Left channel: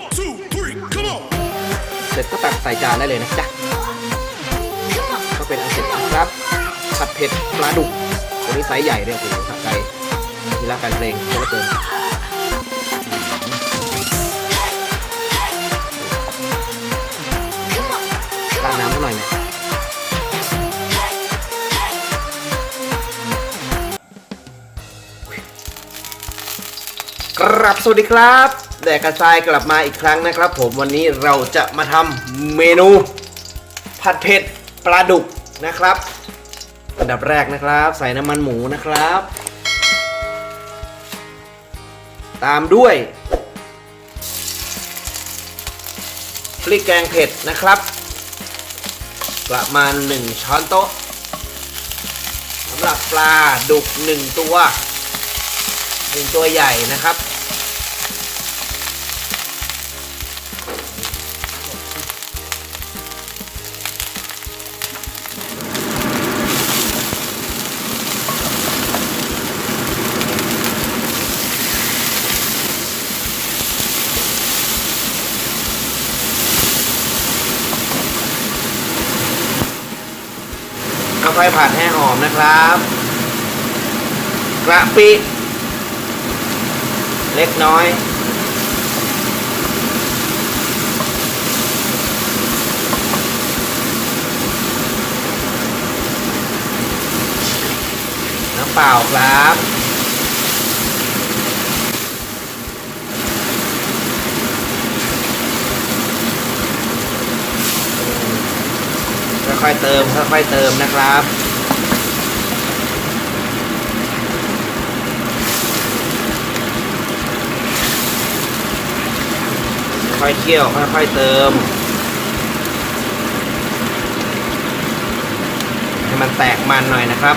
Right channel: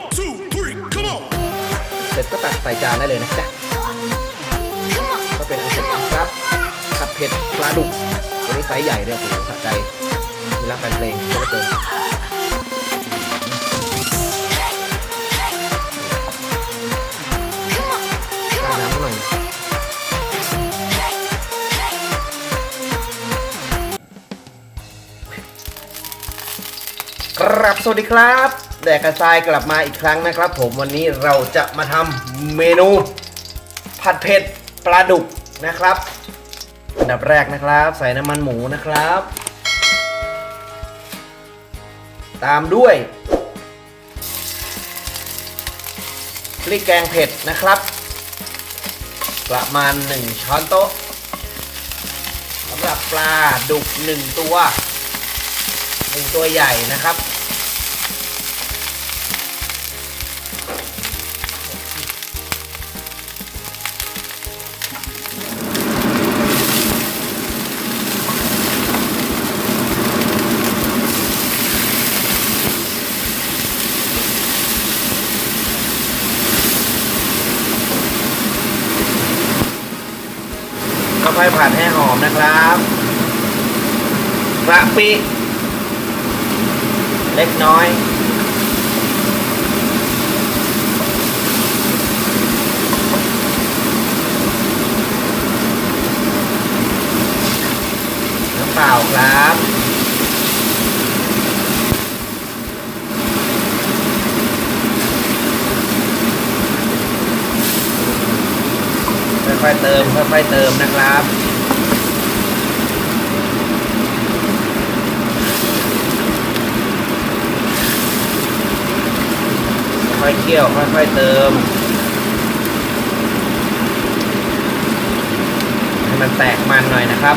One, two, three, come on. เสร็จก็ตักใส่จานได้เลยนะจ๊ะก็เป็นอันเสร็จนะครับผัดเผ็ดปลาดุกหรือไซส์ใหญ่เนี่ยโอ้โหสะใจมีรักไปเพลงเยอะเกินเอาน้ำหน่อยนะกรับ สวัสดีครับ แดกกระชายกลับมาอีกครั้งนะครับ ผมวันนี้เราจะมาทำเมนู ผัดเผ็ดปลาดุกนะครับ อันดับแรกนะครับ ใส่น้ำมันหมูนะครับ ตามด้วยพริกแกงเผ็ดนะครับ ประมาณ 1 ช้อนโต๊ะสำหรับปลาดุก 1 ตัว 1 ตัวใหญ่นะครับ ค่อยๆผัดให้หอมนะครับ กระปิ เล็กน้อย น้ำเปล่าครับ ค่อยๆเติมค่อยๆเติมนะครับค่อยเคี่ยวค่อยๆเติมให้มันแตกมันหน่อยนะครับ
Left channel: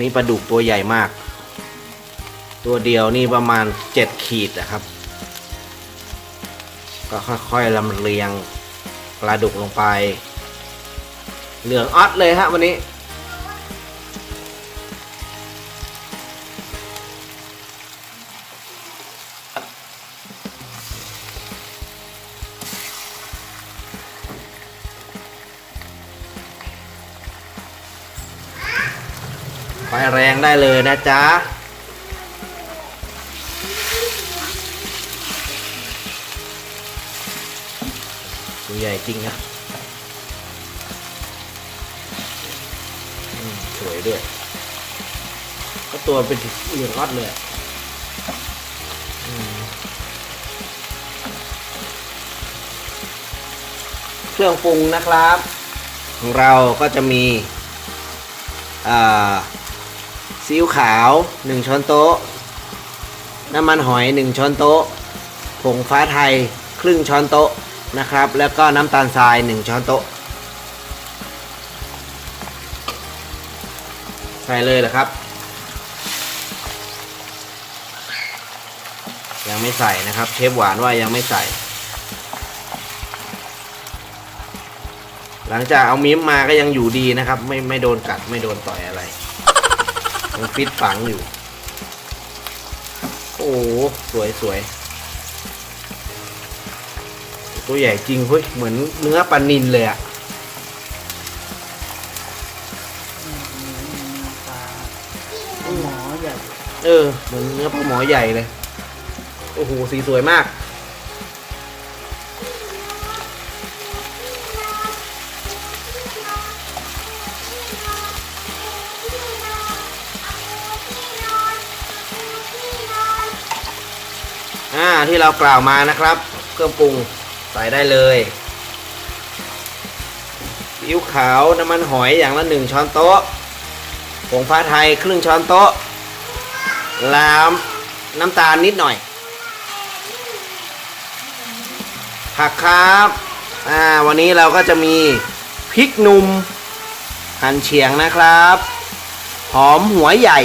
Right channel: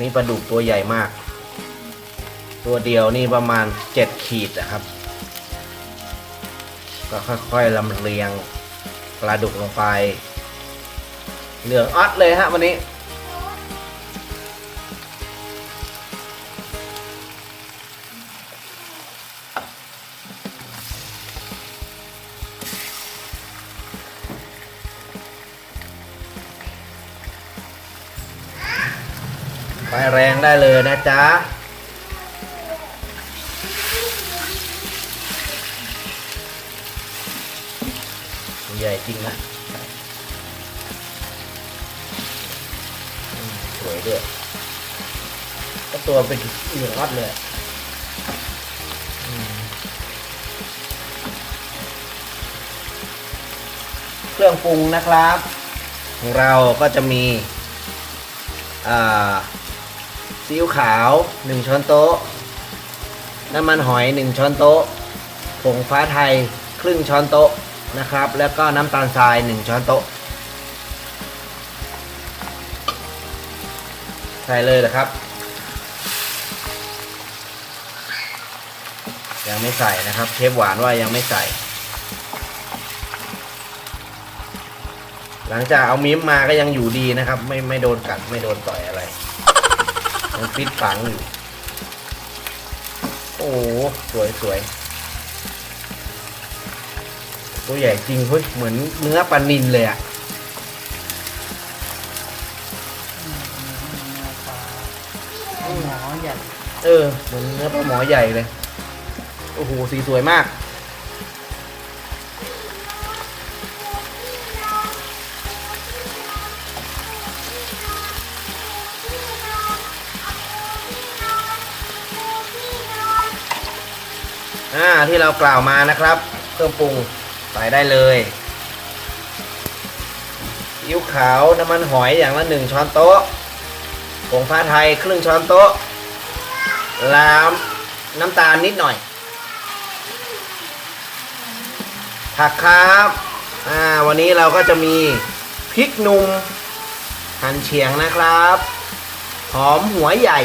นี่ปลาดุกตัวใหญ่มาก ตัวเดียวนี่ประมาณเจ็ดขีดนะครับ ก็ค่อยๆลำเลียงปลาดุกลงไป เหลืองออดเลยฮะวันนี้ แรงได้เลยนะจ๊ะใหญ่จริงนะสวยด้วยก็ตัวเป็นเหลืองรัดเลยเครื่องปรุงนะครับ ของเราก็จะมีอ่า ซีอิ๊วขาว 1 ช้อนโต๊ะ น้ำมันหอย 1 ช้อนโต๊ะ ผงฟ้าไทยครึ่งช้อนโต๊ะนะครับ แล้วก็น้ำตาลทราย 1 ช้อนโต๊ะ ใส่เลยนะครับ ยังไม่ใส่นะครับ เชฟหวานว่ายังไม่ใส่ หลังจากเอามิ้มมาก็ยังอยู่ดีนะครับ ไม่ไม่โดนกัดไม่โดนต่อยอะไร มันฟิตฝังอยู่ โอ้โหสวยสวยตัวใหญ่จริงเฮ้ยเหมือนเนื้อปลานินเลยอะหมอใหญ่เออเหมือนเนื้อปลาหมอใหญ่เลย โอ้โหสีสวยมาก ที่เรากล่าวมานะครับ เครื่องปรุงใส่ได้เลยซีอิ๊วขาวน้ำมันหอยอย่างละหนึ่งช้อนโต๊ะผงฟ้าไทยครึ่งช้อนโต๊ะลามน้ำตาลนิดหน่อย ผักครับอ่าวันนี้เราก็จะมีพริกหนุ่มหั่นเฉียงนะครับ หอมหัวใหญ่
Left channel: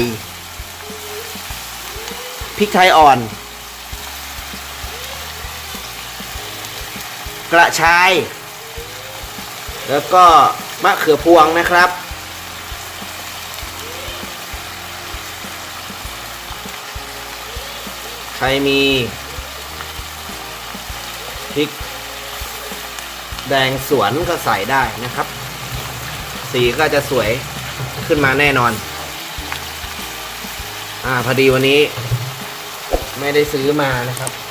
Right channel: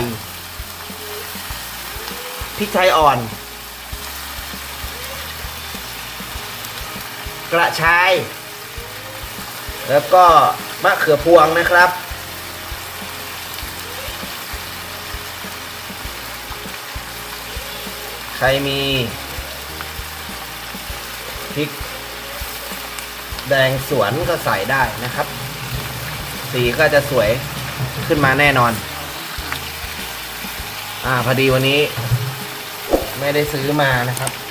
พริกไทยอ่อน กระชาย แล้วก็มะเขือพวงนะครับ ใครมีพริกแดงสวนก็ใส่ได้นะครับ สีก็จะสวยขึ้นมาแน่นอน อ่าพอดีวันนี้ ไม่ได้ซื้อมานะครับ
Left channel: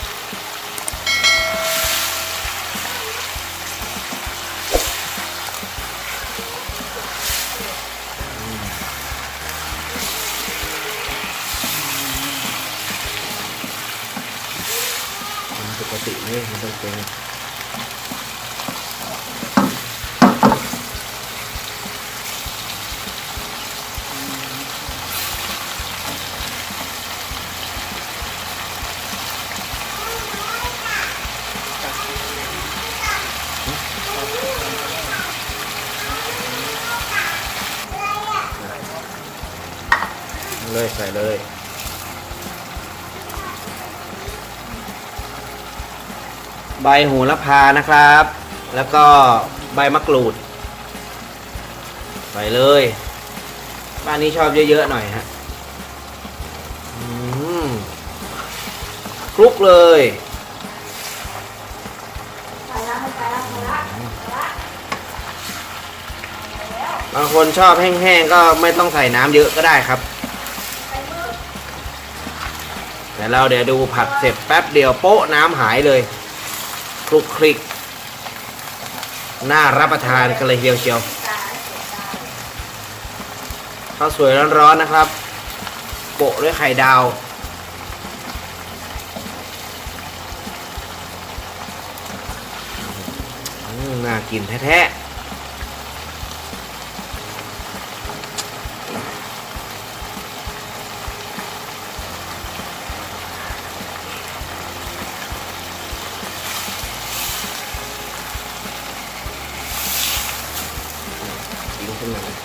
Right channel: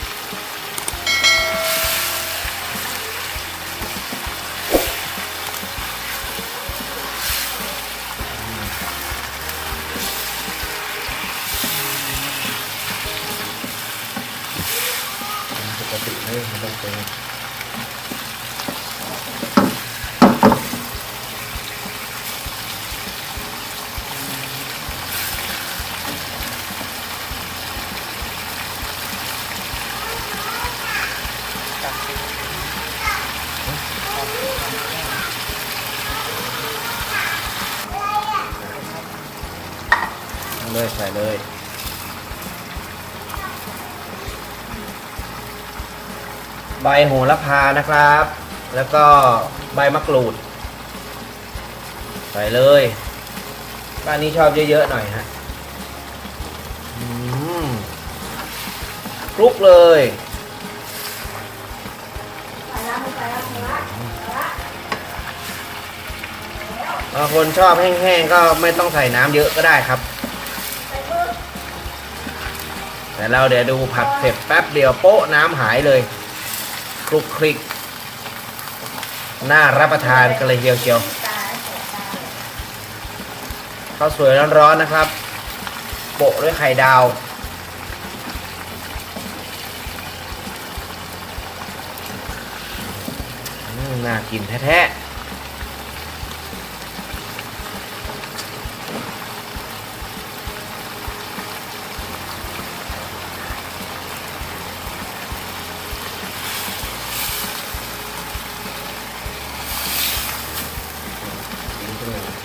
ติไม่มันต้องเป็นเลยใส่เลย ใบโหระพานะครับ แล้วก็ใบมะกรูด ใส่เลยบ้านนี้ชอบเยอะๆหน่อยฮะคลุกเลยบางคนชอบแห้งๆก็ไม่ต้องใส่น้ำเยอะก็ได้ครับ แต่เราเดี๋ยวดูผัดเสร็จแป๊บเดียวโป๊ะน้ำหายเลย ลุกคลิก น่ารับประทานกันเลยเดียวเชียวข้าวสวยร้อนๆนะครับ โปะด้วยไข่ดาวน่ากินแท้ๆกินขึ้นมา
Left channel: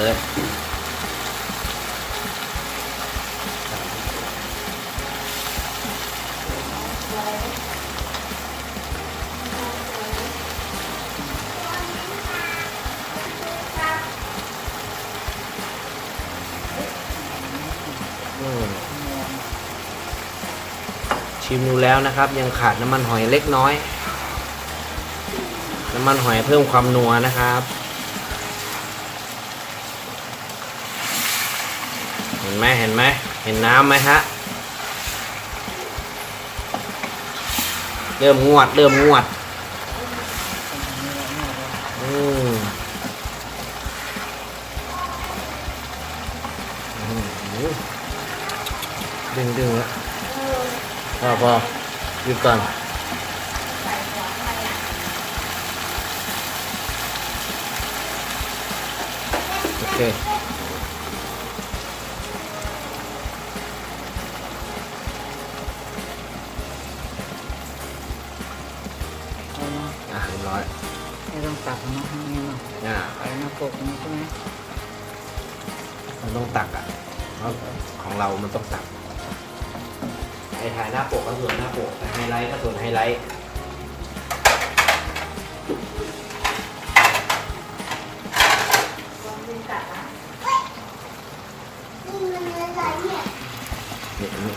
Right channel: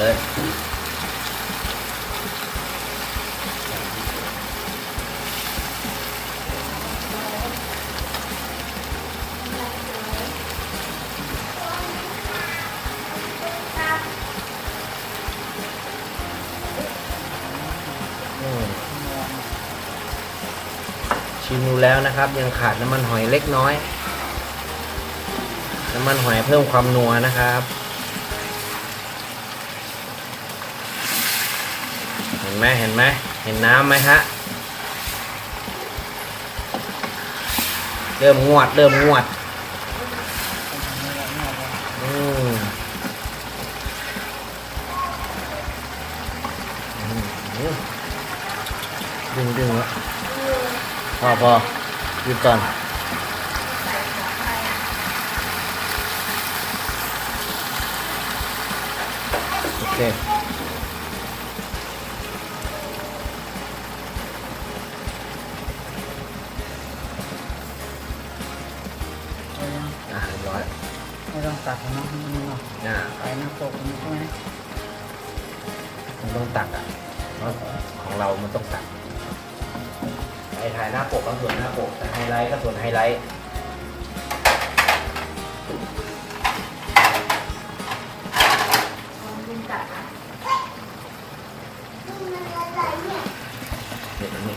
เลยชิมดูแล้วนะครับ ยังขาดน้ำมันหอยเล็กน้อย น้ำมันหอยเพิ่มความนัวนะครับ ห็นไหมเห็นไหมเห็นน้ำไหมฮะ เริ่มงวด เริ่มงวด อืมดึงดึงแล้วพอพอหยุดก่อนโอเค อานะให้มันหน่อยอ่าแต่หน้าปกมันใช่ไหมมันต้องตักอะเพราะของเรามันต้องตักไอ้ถ่ายหน้าปกก็ส่วนหน้าปกไฮไลท์ก็ส่วนไฮไลท์นี่นี่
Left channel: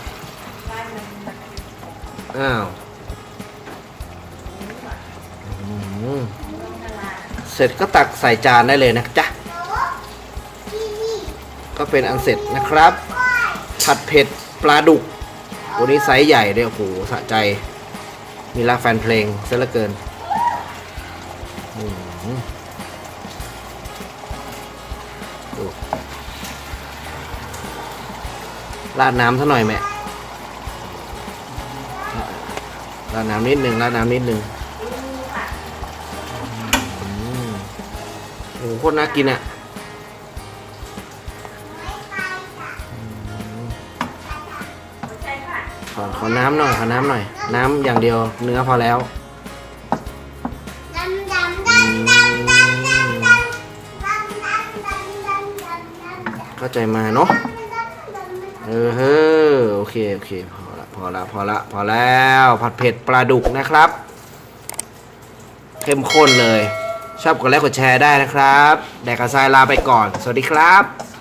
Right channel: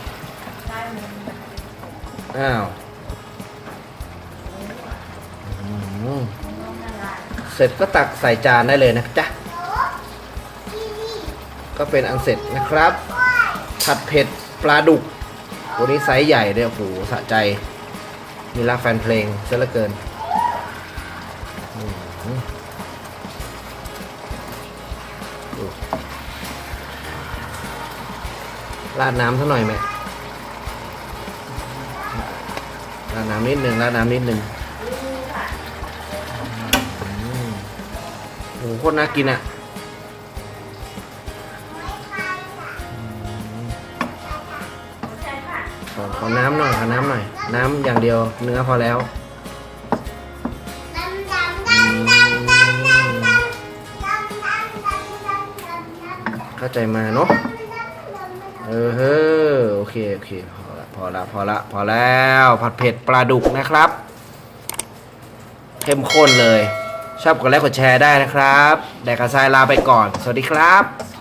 อ้าว เสร็จก็ตักใส่จานได้เลยนะจ๊ะ ก็เป็นอันเสร็จนะครับ ผัดเผ็ดปลาดุกวันนี้ไซส์ใหญ่เลยโอ้โหสะใจ มีรักแฟนเพลงเสียเหลือเกินราดน้ำเท่าหน่อยแม่ราดน้ำนิดหนึ่งราดน้ำนิดหนึ่ง หโคตรน่ากินอะขอขอน้ำหน่อย ขอน้ำหน่อย น้ำอย่างเดียว เนื้อพอแล้วอืมเข้าใจมาเนาะเออเฮ้อโอเค โอเค พอละพอละพอละพอแล้ว ผัดเผ็ดปลาดุกนะครับ เข้มข้นเลย ชอบกดไลค์กดแชร์ได้นะครับ แดกกระซายลาไปก่อน สวัสดีครับ